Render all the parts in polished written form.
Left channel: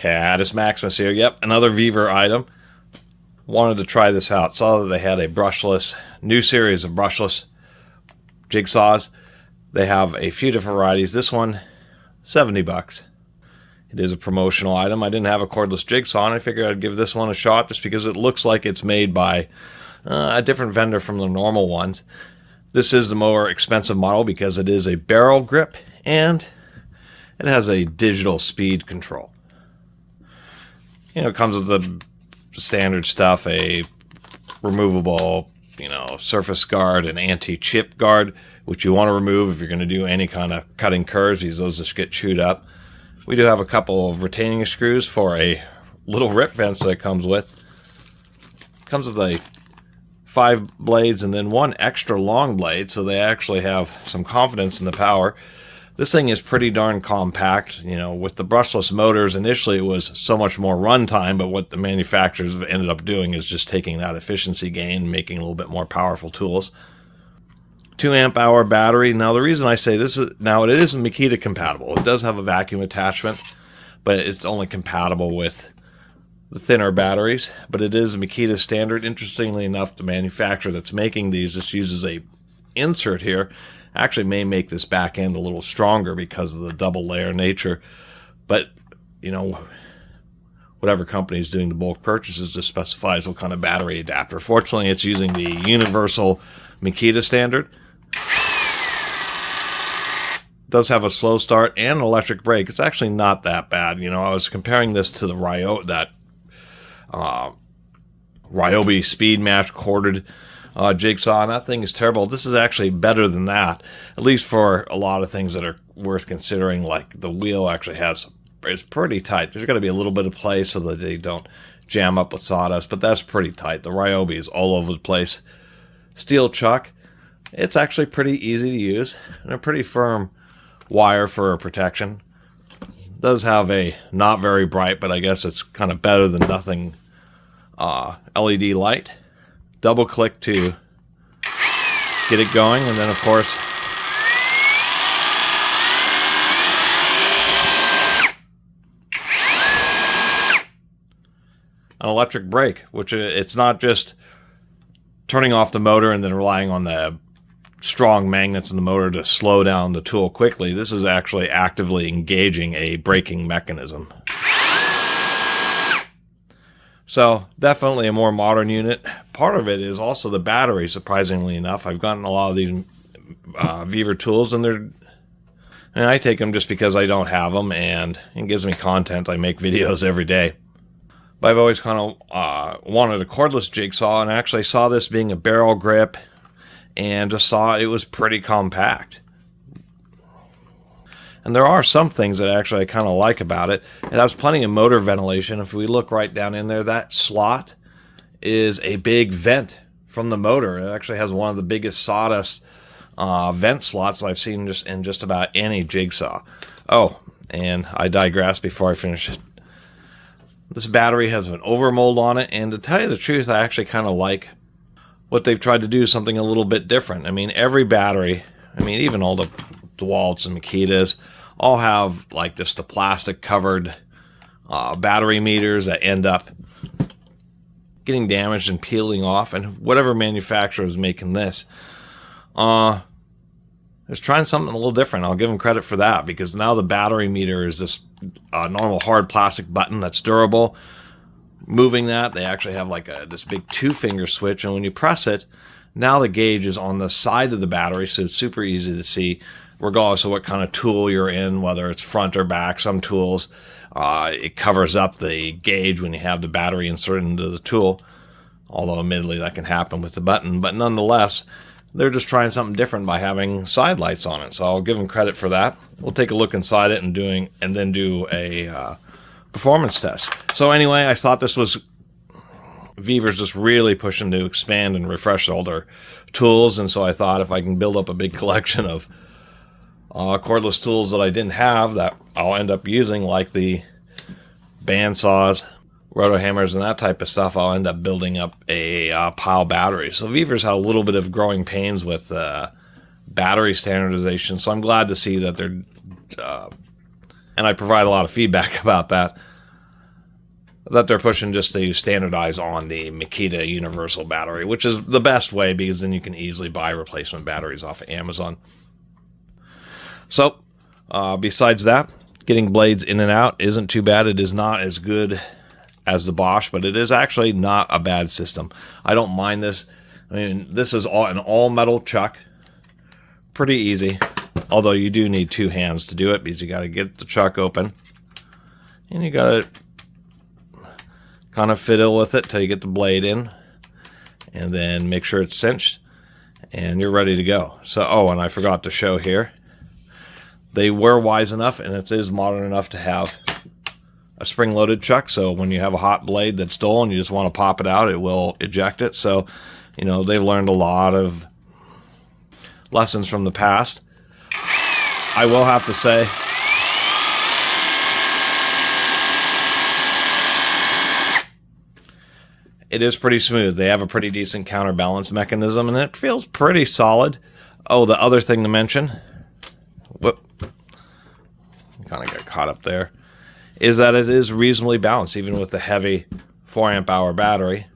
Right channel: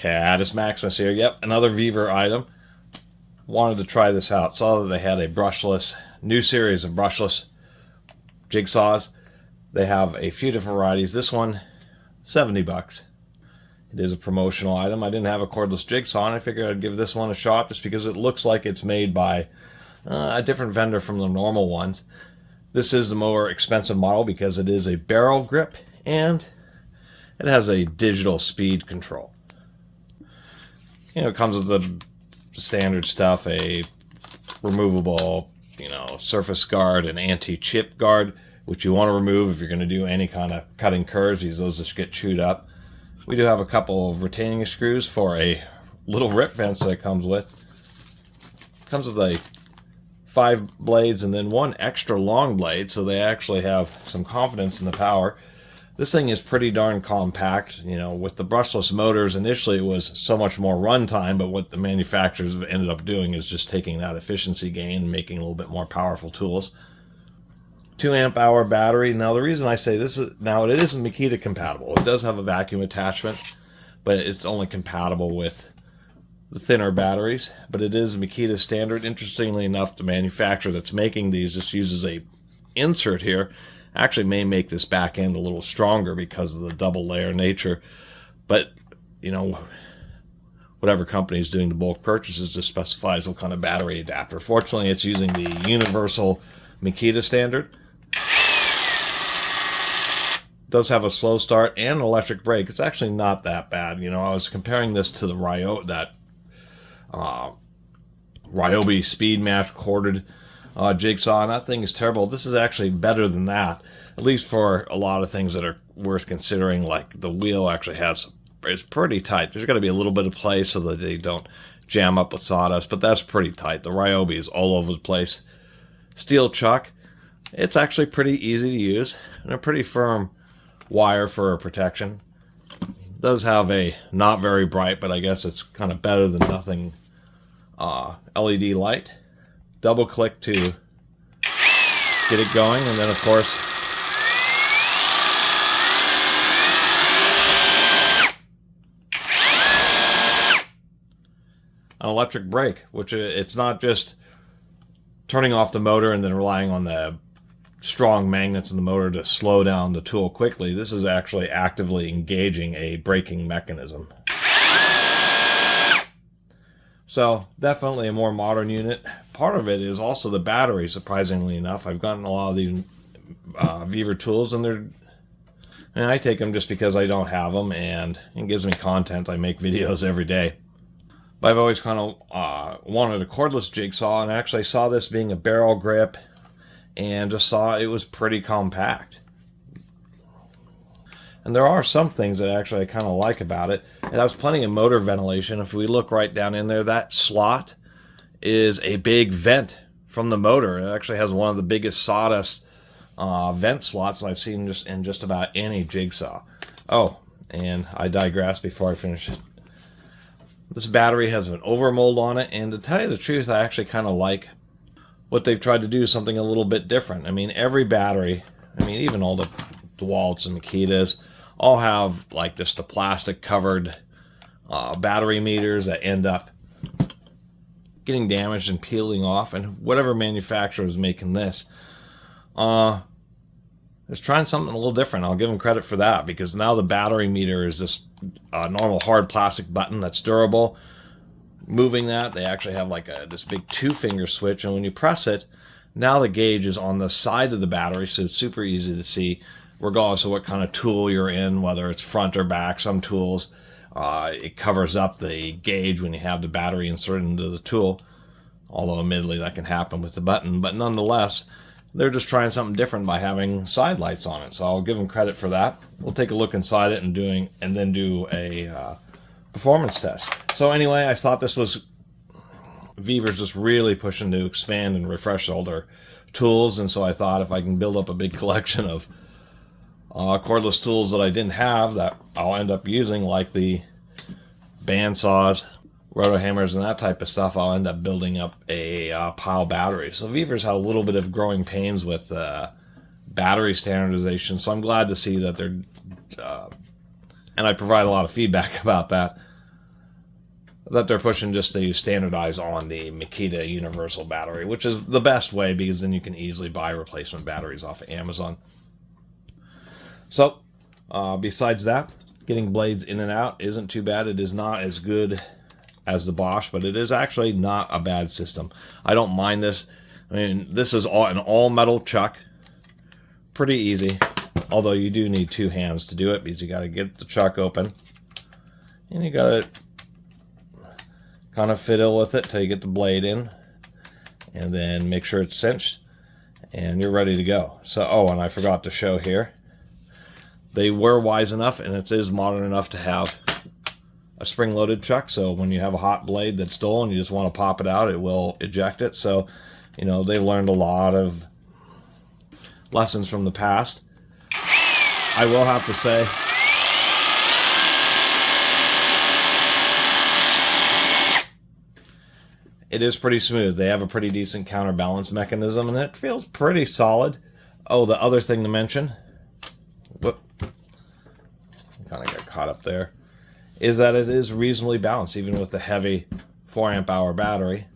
Catus Maximus here. Yep, another Vevor item. Wanted to try this out. Saw that they had a brushless, new series of brushless jigsaws. They have a few different varieties. This one, 70 bucks. It is a promotional item. I didn't have a cordless jigsaw, and I figured I'd give this one a shot just because it looks like it's made by a different vendor from the normal ones. This is the more expensive model because it is a barrel grip and it has a digital speed control. You know, it comes with the standard stuff, a removable, surface guard, an anti-chip guard, which you want to remove if you're going to do any kind of cutting curves because those just get chewed up. We do have a couple of retaining screws for a little rip fence that it comes with. It comes with a 5 blades and then one extra long blade, so they actually have some confidence in the power. This thing is pretty darn compact. With the brushless motors, initially it was so much more runtime, but what the manufacturers have ended up doing is just taking that efficiency gain and making a little bit more powerful tools. 2 amp hour battery. Now the reason I say this is, now it is Makita compatible. It does have a vacuum attachment, but it's only compatible with the thinner batteries, but it is Makita standard. Interestingly enough, the manufacturer that's making these just uses a insert here. Actually may make this back end a little stronger because of the double layer nature, but whatever company is doing the bulk purchases just specifies what kind of battery adapter. Fortunately, it's using the universal Makita standard. It does have a slow start and an electric brake. It's actually not that bad. I was comparing this to the Ryobi speed match corded jigsaw, and that thing is terrible. This is actually better than that, at least for a lot of things that are worth considering. Like the wheel actually is pretty tight. There's got to be a little bit of play so that they don't jam up with sawdust, but that's pretty tight. The Ryobi is all over the place. Steel chuck. It's actually pretty easy to use and a pretty firm wire for protection. It does have a not very bright, but I guess it's kind of better than nothing LED light. Double click to get it going, and then of course an electric brake, which it's not just turning off the motor and then relying on the strong magnets in the motor to slow down the tool quickly. This is actually actively engaging a braking mechanism. So definitely a more modern unit. Part of it is also the battery, surprisingly enough. I've gotten a lot of these Vevor tools, and I take them just because I don't have them, and it gives me content. I make videos every day. But I've always kind of wanted a cordless jigsaw, and I actually saw this being a barrel grip and just saw it was pretty compact. And there are some things that actually I kind of like about it. It has plenty of motor ventilation. If we look right down in there, that slot is a big vent from the motor. It actually has one of the biggest sawdust vent slots I've seen in just about any jigsaw. Oh, and I digress before I finish it. This battery has an overmold on it, and to tell you the truth, I actually kind of like what they've tried to do, something a little bit different. I mean, every battery, even all the DeWalt's and Makitas, all have like just the plastic covered battery meters that end up getting damaged and peeling off. And whatever manufacturer is making this is trying something a little different. I'll give them credit for that, because now the battery meter is this normal hard plastic button that's durable. Moving that, they actually have like this big 2-finger switch, and when you press it, now the gauge is on the side of the battery, so it's super easy to see regardless of what kind of tool you're in, whether it's front or back. Some tools, it covers up the gauge when you have the battery inserted into the tool, although admittedly that can happen with the button. But nonetheless, they're just trying something different by having side lights on it, so I'll give them credit for that. We'll take a look inside it and then do a performance test. So anyway, I thought this was Vevor's just really pushing to expand and refresh all their tools, and so I thought if I can build up a big collection of cordless tools that I didn't have that I'll end up using, like the bandsaws, roto hammers, and that type of stuff, I'll end up building up a pile of batteries. So Vevor's had a little bit of growing pains with battery standardization, so I'm glad to see that they're and I provide a lot of feedback about that. that they're pushing just to standardize on the Makita universal battery, which is the best way because then you can easily buy replacement batteries off of Amazon. So, besides that, getting blades in and out isn't too bad. It is not as good as the Bosch, but it is actually not a bad system. I don't mind this. I mean, this is an all-metal chuck. Pretty easy, although you do need two hands to do it because you got to get the chuck open. And you got to kind of fiddle with it till you get the blade in. And then make sure it's cinched. And you're ready to go. So, oh, and I forgot to show here. They were wise enough, and it is modern enough to have a spring-loaded chuck. So when you have a hot blade that's dull and you just want to pop it out, it will eject it. So, you know, they've learned a lot of lessons from the past. I will have to say, it is pretty smooth. They have a pretty decent counterbalance mechanism, and it feels pretty solid. Oh, the other thing to mention, whoop, kind of got caught up there, is that it is reasonably balanced, even with the heavy 4 amp hour battery.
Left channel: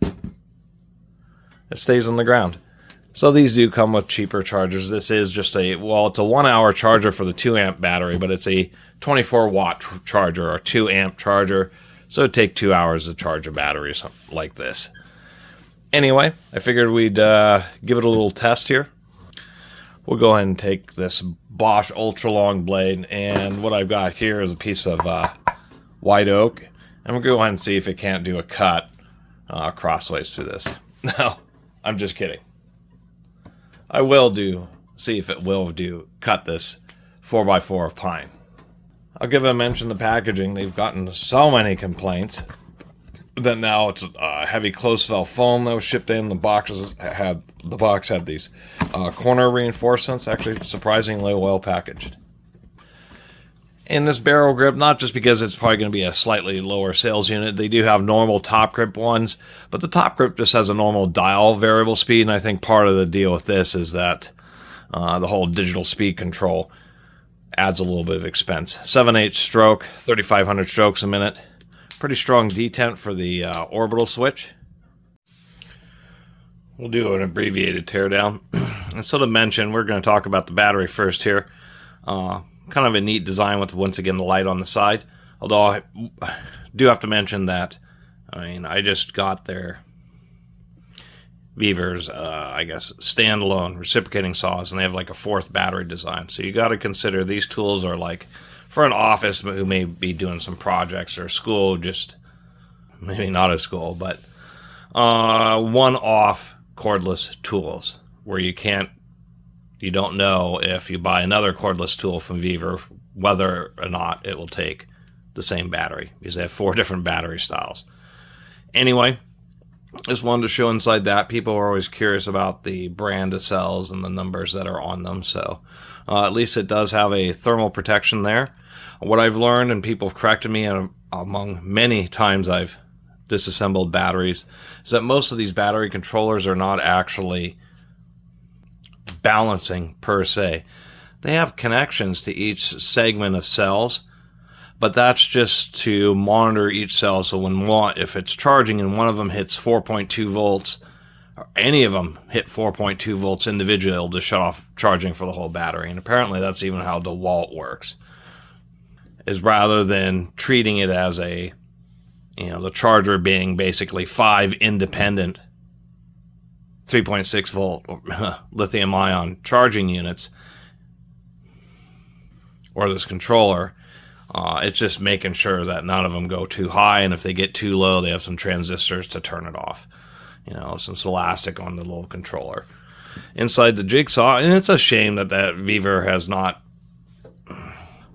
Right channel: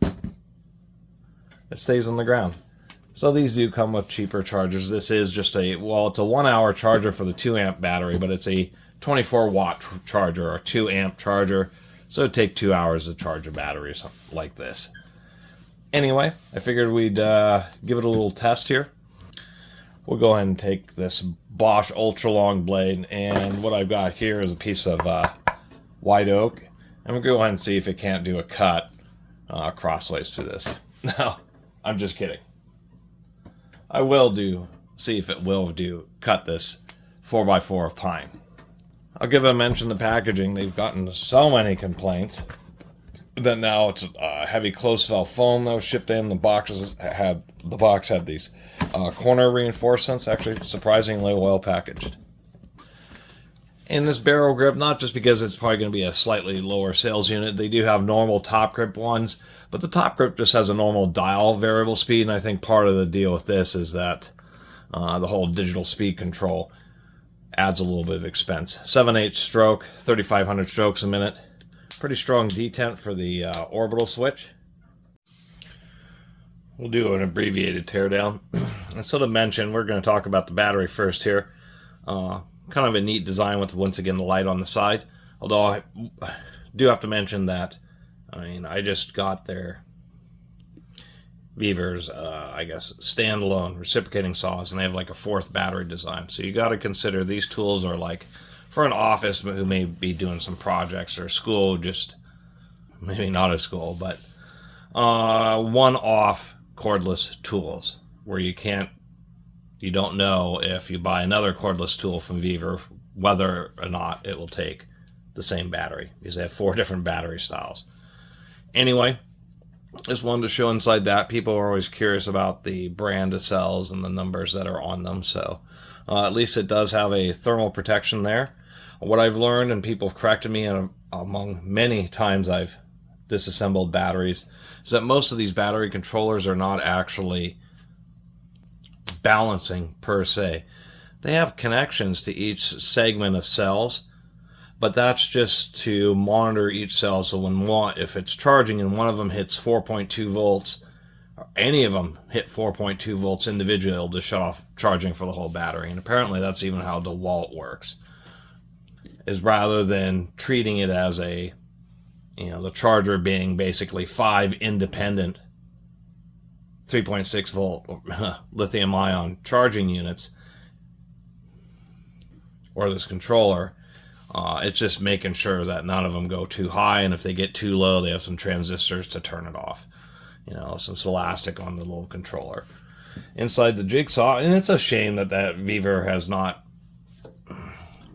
It stays on the ground. So these do come with cheaper chargers. This is just a, well, it's a 1 hour charger for the 2 amp battery, but it's a 24 watt charger or 2 amp charger. So it'd take 2 hours to charge a battery or something like this. Anyway, I figured we'd give it a little test here. We'll go ahead and take this Bosch ultra long blade, and what I've got here is a piece of white oak, and we'll go ahead and see if it can't do a cut crossways through this. No, I'm just kidding. I will see if it will cut this 4x4 of pine. I'll give a mention the packaging. They've gotten so many complaints that now it's heavy close valve foam that was shipped in. The box had these corner reinforcements, actually surprisingly well packaged. And this barrel grip, not just because it's probably going to be a slightly lower sales unit, they do have normal top grip ones, but the top grip just has a normal dial variable speed, and I think part of the deal with this is that the whole digital speed control adds a little bit of expense. 7/8 stroke, 3,500 strokes a minute. Pretty strong detent for the orbital switch. We'll do an abbreviated teardown. And so to mention, we're going to talk about the battery first here. Kind of a neat design with, once again, the light on the side. Although I do have to mention that, I mean, I just got their Vevor's, I guess, standalone reciprocating saws, and they have like a 4th battery design. So you got to consider these tools are like for an office who may be doing some projects, or school, just maybe not a school, but one-off cordless tools where you don't know if you buy another cordless tool from Vevor whether or not it will take the same battery, because they have 4 different battery styles. Anyway, just wanted to show inside that. People are always curious about the brand of cells and the numbers that are on them, so at least it does have a thermal protection there. What I've learned, and people have corrected me among many times I've disassembled batteries, is that most of these battery controllers are not actually balancing per se. They have connections to each segment of cells, but that's just to monitor each cell. So if it's charging and one of them hits 4.2 volts, or any of them hit 4.2 volts individually, it'll just shut off charging for the whole battery. And apparently that's even how DeWalt works, is rather than treating it as the charger being basically 5 independent 3.6 volt lithium ion charging units, or this controller, it's just making sure that none of them go too high, and if they get too low, they have some transistors to turn it off. Some elastic on the little controller inside the jigsaw. And it's a shame that Vevor has not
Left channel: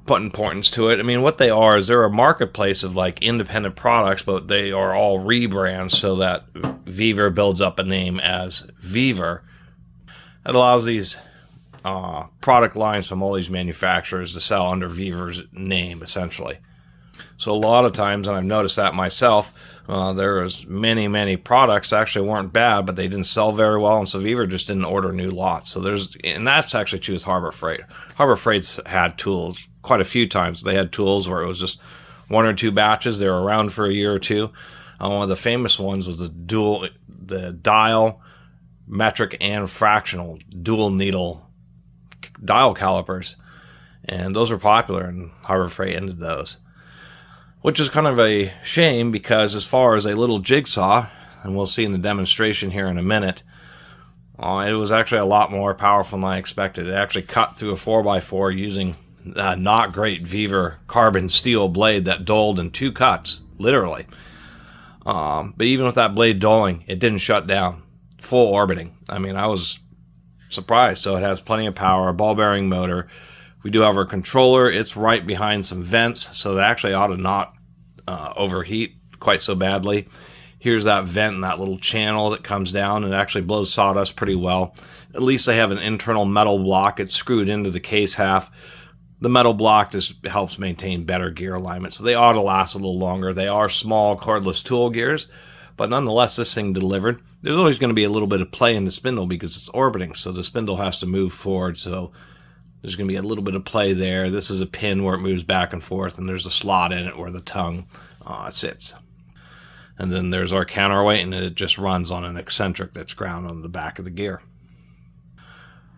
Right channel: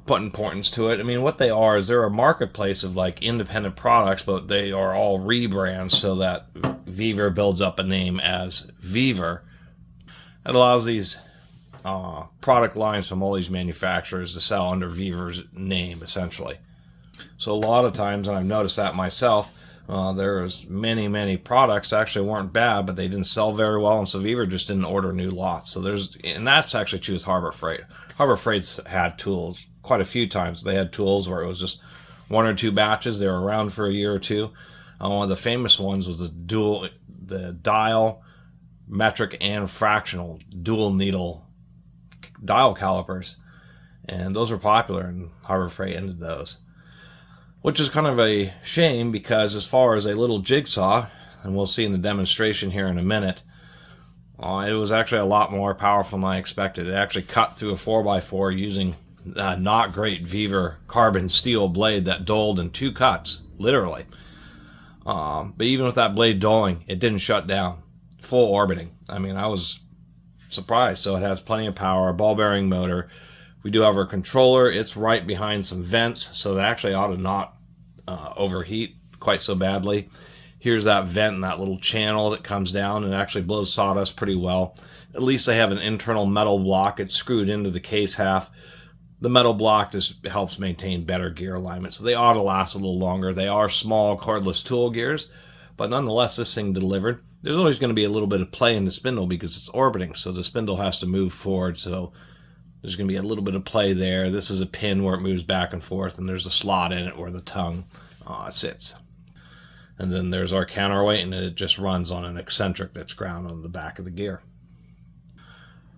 put importance to it. I mean, what they are is they're a marketplace of like independent products, but they are all rebrands so that Vevor builds up a name as Vevor. It allows these product lines from all these manufacturers to sell under Vevor's name, essentially. So a lot of times, and I've noticed that myself, there was many products that actually weren't bad, but they didn't sell very well, and so Vevor just didn't order new lots. And that's actually true with Harbor Freight. Harbor Freight's had tools quite a few times. They had tools where it was just one or two batches. They were around for a year or two. One of the famous ones was the dial, metric, and fractional dual needle dial calipers. And those were popular, and Harbor Freight ended those. Which is kind of a shame, because as far as a little jigsaw, and we'll see in the demonstration here in a minute, it was actually a lot more powerful than I expected. It actually cut through a 4x4 using a not great Vevor carbon steel blade that dulled in 2 cuts, literally. But even with that blade dulling, it didn't shut down. Full orbiting. I mean, I was surprised. So it has plenty of power, a ball bearing motor. We do have our controller. It's right behind some vents, so it actually ought to not overheat quite so badly. Here's that vent and that little channel that comes down, and it actually blows sawdust pretty well. At least they have an internal metal block. It's screwed into the case half. The metal block just helps maintain better gear alignment, so they ought to last a little longer. They are small cordless tool gears, but nonetheless, this thing delivered. There's always going to be a little bit of play in the spindle because it's orbiting, so the spindle has to move forward, so there's going to be a little bit of play there. This is a pin where it moves back and forth, and there's a slot in it where the tongue sits. And then there's our counterweight, and it just runs on an eccentric that's ground on the back of the gear.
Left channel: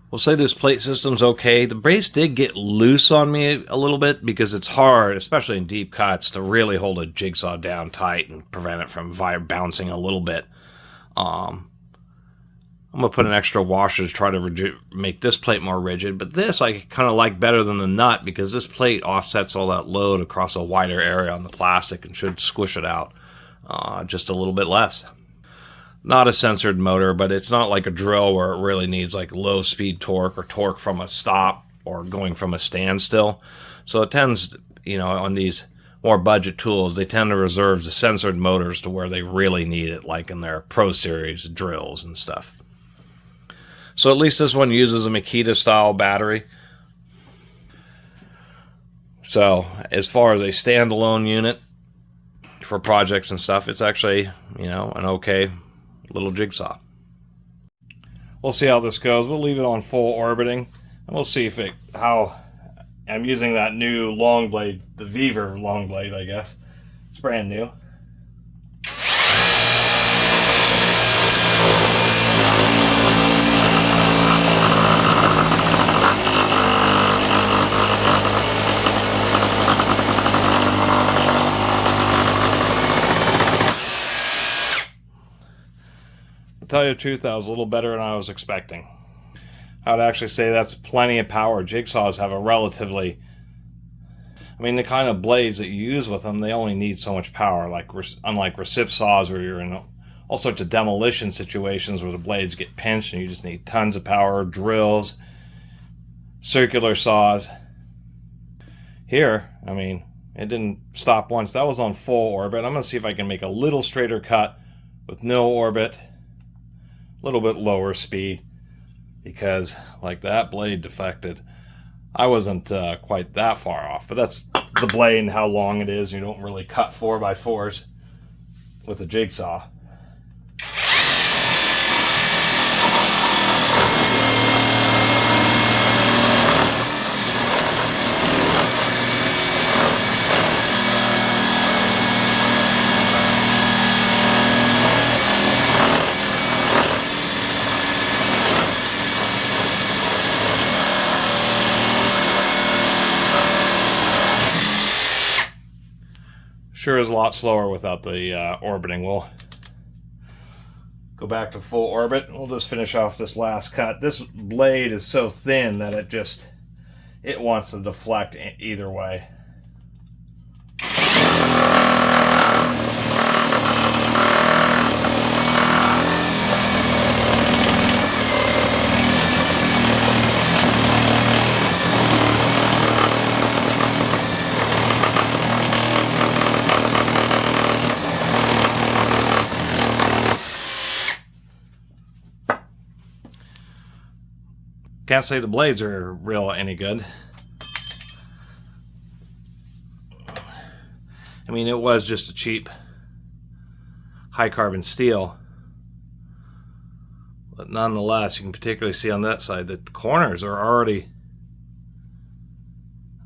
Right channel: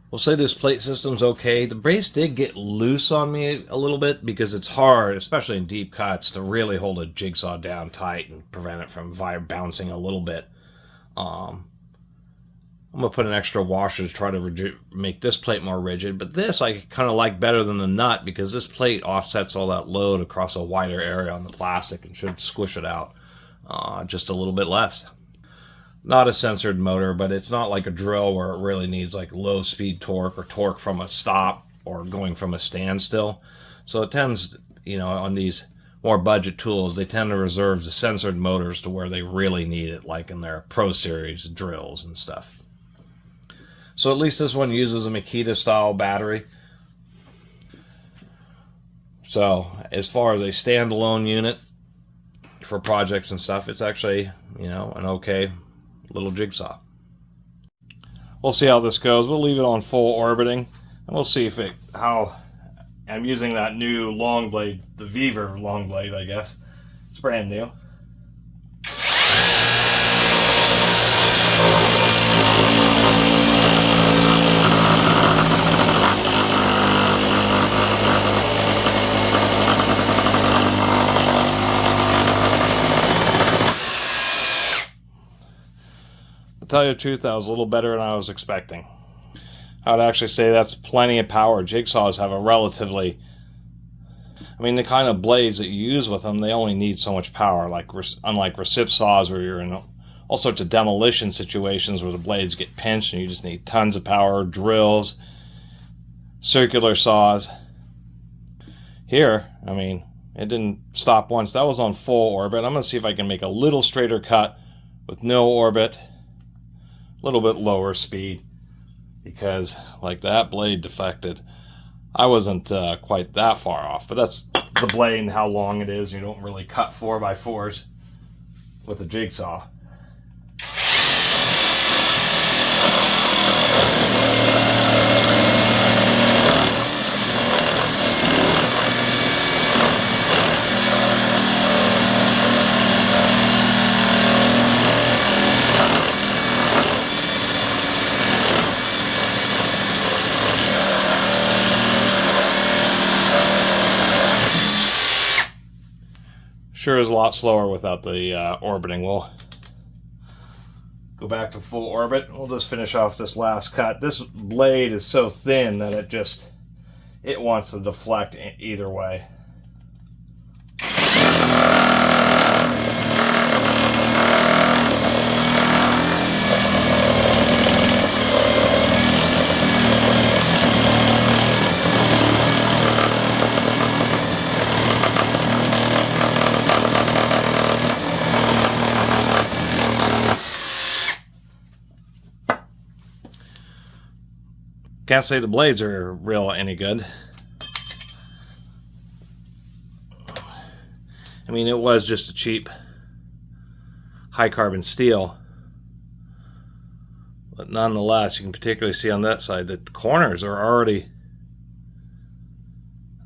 We'll say this plate system's okay. The brace did get loose on me a little bit because it's hard, especially in deep cuts, to really hold a jigsaw down tight and prevent it from bouncing a little bit. I'm going to put an extra washer to try to make this plate more rigid, but this I kind of like better than the nut because this plate offsets all that load across a wider area on the plastic and should squish it out just a little bit less. Not a censored motor, but it's not like a drill where it really needs like low speed torque or torque from a stop or going from a standstill. So it tends, on these more budget tools, they tend to reserve the censored motors to where they really need it, like in their Pro Series drills and stuff. So at least this one uses a Makita style battery. So as far as a standalone unit for projects and stuff, it's actually, an okay little jigsaw. We'll see how this goes. We'll leave it on full orbiting, and we'll see how I'm using that new long blade, the Vevor long blade, I guess. It's brand new. To tell you the truth, that was a little better than I was expecting. I would actually say that's plenty of power. Jigsaws have a relatively, the kind of blades that you use with them, they only need so much power, unlike recip saws where you're in all sorts of demolition situations where the blades get pinched and you just need tons of power, drills, circular saws. Here, it didn't stop once. That was on full orbit. I'm going to see if I can make a little straighter cut with no orbit. A little bit lower speed, because like that blade defected. I wasn't quite that far off, but that's the blade and how long it is. You don't really cut 4x4s with a jigsaw. Sure is a lot slower without the orbiting. We'll go back to full orbit. We'll just finish off this last cut. This blade is so thin that it wants to deflect either way. Can't say the blades are any good. It was just a cheap high carbon steel, but nonetheless, you can particularly see on that side that the corners are already,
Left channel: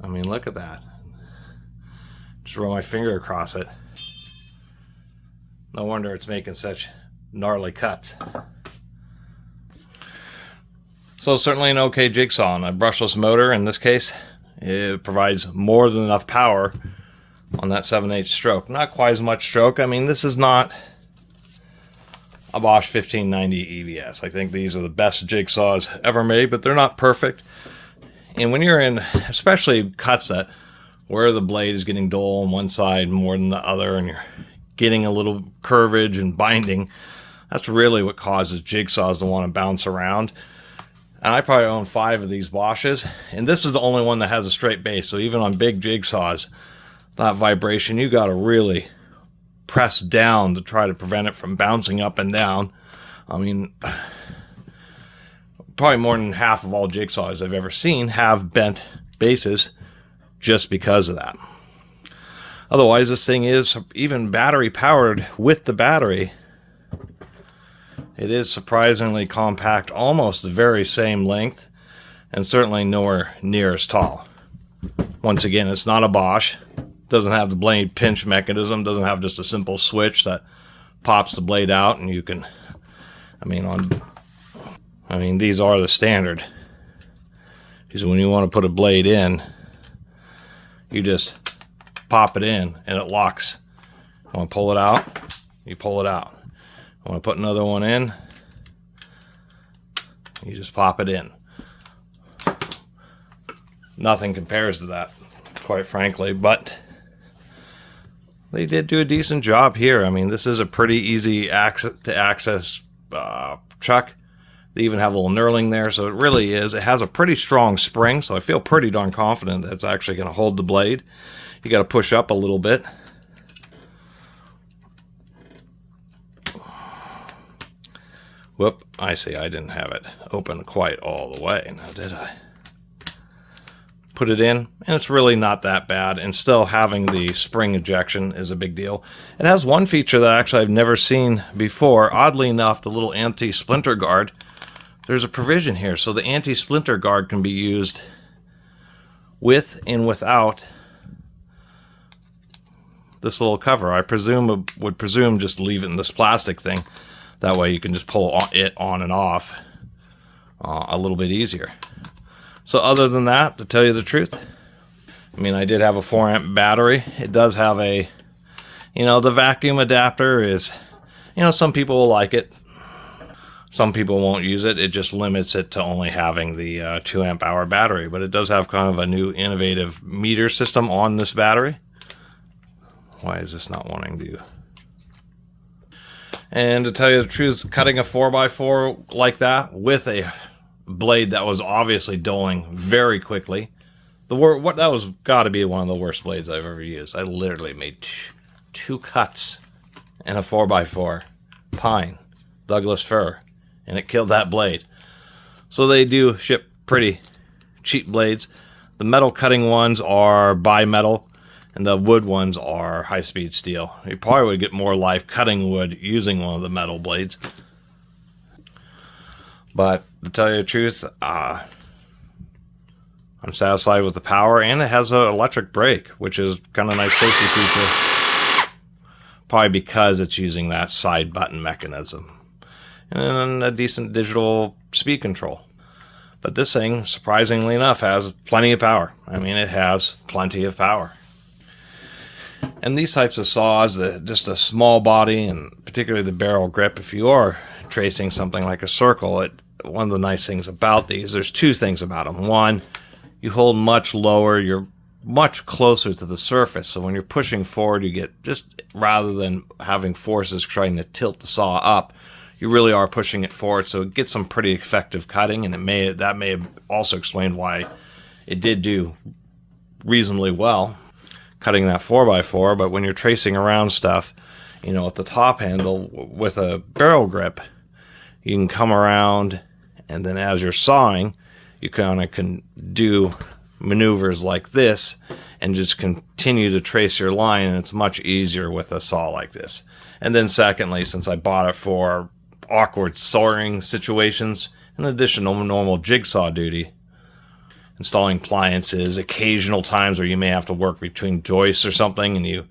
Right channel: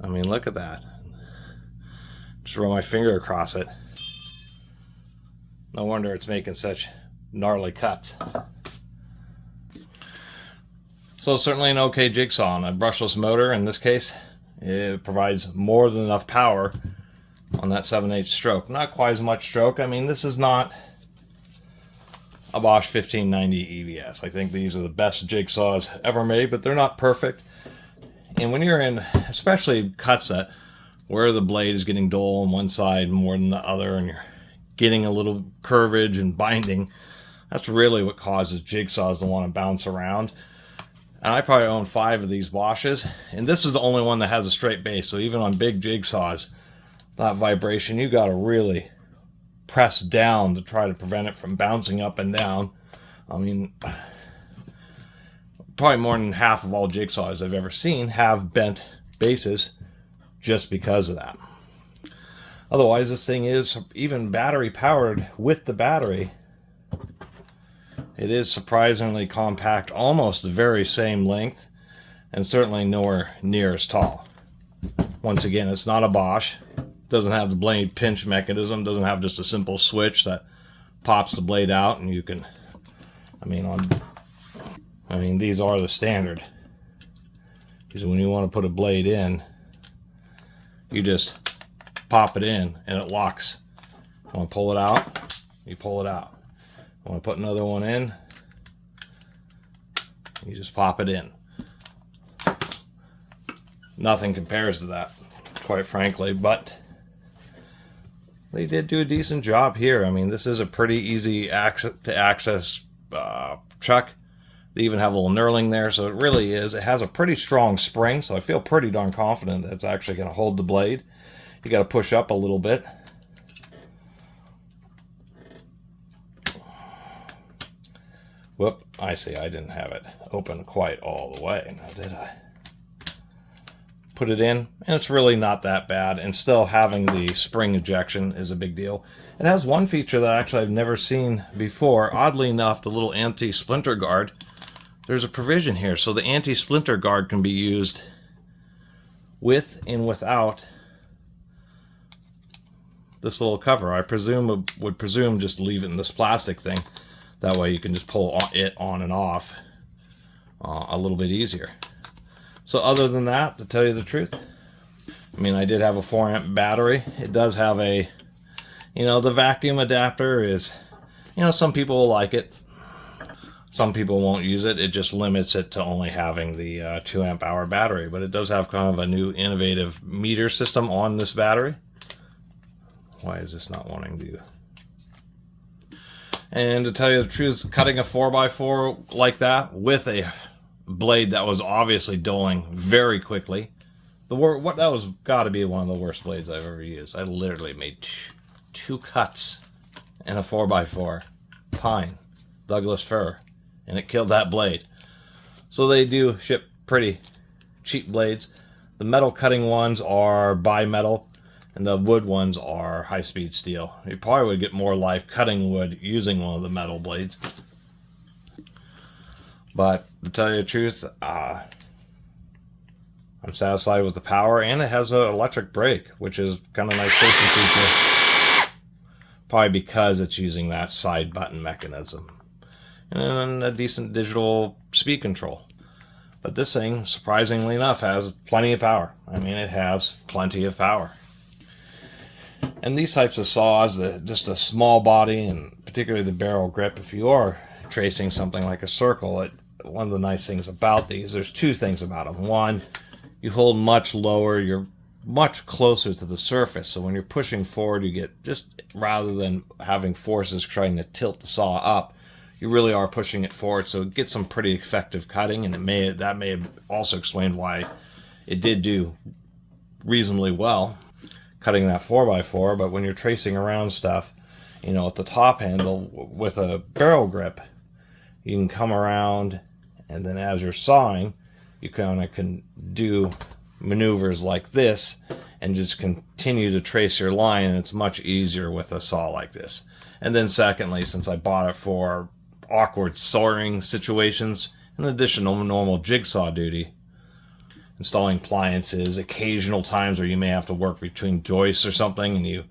look at that. Just run my finger across it. No wonder it's making such gnarly cuts. So certainly an okay jigsaw on a brushless motor. In this case, it provides more than enough power on that 7/8 stroke. Not quite as much stroke. I mean, this is not a Bosch 1590 EVS. I think these are the best jigsaws ever made, but they're not perfect. And when you're in, especially cuts that where the blade is getting dull on one side more than the other, and you're getting a little curvage and binding, that's really what causes jigsaws to want to bounce around. And I probably own 5 of these Bosches, and this is the only one that has a straight base. So even on big jigsaws, that vibration, you got to really press down to try to prevent it from bouncing up and down. I mean, probably more than half of all jigsaws I've ever seen have bent bases just because of that. Otherwise, this thing is even battery powered with the battery. It is surprisingly compact, almost the very same length, and certainly nowhere near as tall. Once again, it's not a Bosch. Doesn't have the blade pinch mechanism, doesn't have just a simple switch that pops the blade out and you can, I mean, these are the standard. Because when you want to put a blade in, you just pop it in and it locks. You want to pull it out, you pull it out. You want to put another one in, you just pop it in. Nothing compares to that, quite frankly, but they did do a decent job here. I mean, this is a pretty easy to access chuck. They even have a little knurling there, so it really is. It has a pretty strong spring, so I feel pretty darn confident that it's actually going to hold the blade. You got to push up a little bit. Whoop, I see, I didn't have it open quite all the way, now did I? Put it in, and it's really not that bad, and still having the spring ejection is a big deal. It has one feature that actually I've never seen before. Oddly enough, the little anti-splinter guard, there's a provision here, so the anti-splinter guard can be used with and without this little cover. I would presume just leave it in this plastic thing. That way you can just pull it on and off a little bit easier. So other than that, to tell you the truth, I mean, I did have a 4-amp battery. It does have a, the vacuum adapter is, some people will like it. Some people won't use it. It just limits it to only having the 2-amp-hour battery. But it does have kind of a new innovative meter system on this battery. Why is this not wanting to? And to tell you the truth, cutting a 4x4 like that with a blade that was obviously dulling very quickly, that was got to be one of the worst blades I've ever used. I literally made 2 cuts in a 4x4 pine Douglas fir, and it killed that blade. So they do ship pretty cheap blades. The metal cutting ones are bimetal, and the wood ones are high-speed steel. You probably would get more life cutting wood using one of the metal blades. But to tell you the truth, I'm satisfied with the power, and it has an electric brake, which is kind of a nice safety feature. Probably because it's using that side button mechanism. And then a decent digital speed control. But this thing, surprisingly enough, has plenty of power. I mean, it has plenty of power. And these types of saws, just a small body, and particularly the barrel grip, if you are tracing something like a circle, one of the nice things about these, there's 2 things about them. One, you hold much lower, you're much closer to the surface, so when you're pushing forward, you get, just rather than having forces trying to tilt the saw up, you really are pushing it forward, so it gets some pretty effective cutting, and that may have also explained why it did do reasonably well cutting that 4x4. But when you're tracing around stuff, at the top handle with a barrel grip, you can come around, and then as you're sawing, you kind of can do maneuvers like this and just continue to trace your line, and it's much easier with a saw like this. And then secondly, since I bought it for awkward sawing situations in addition to normal jigsaw duty, installing appliances, occasional times where you may have to work between joists or something and you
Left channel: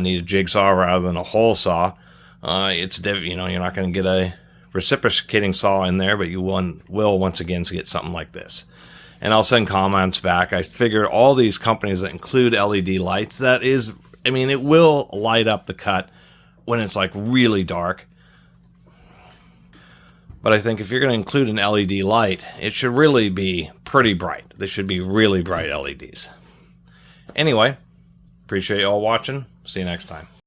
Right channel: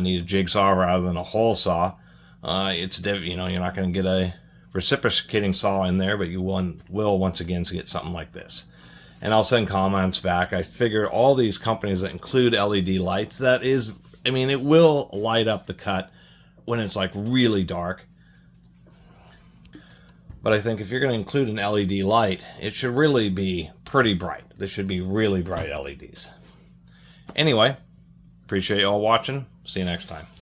need a jigsaw rather than a hole saw. You're not going to get a reciprocating saw in there, but you will once again get something like this. And I'll send comments back. I figured all these companies that include LED lights, it will light up the cut when it's like really dark. But I think if you're going to include an LED light, it should really be pretty bright. They should be really bright LEDs. Anyway, appreciate y'all watching. See you next time.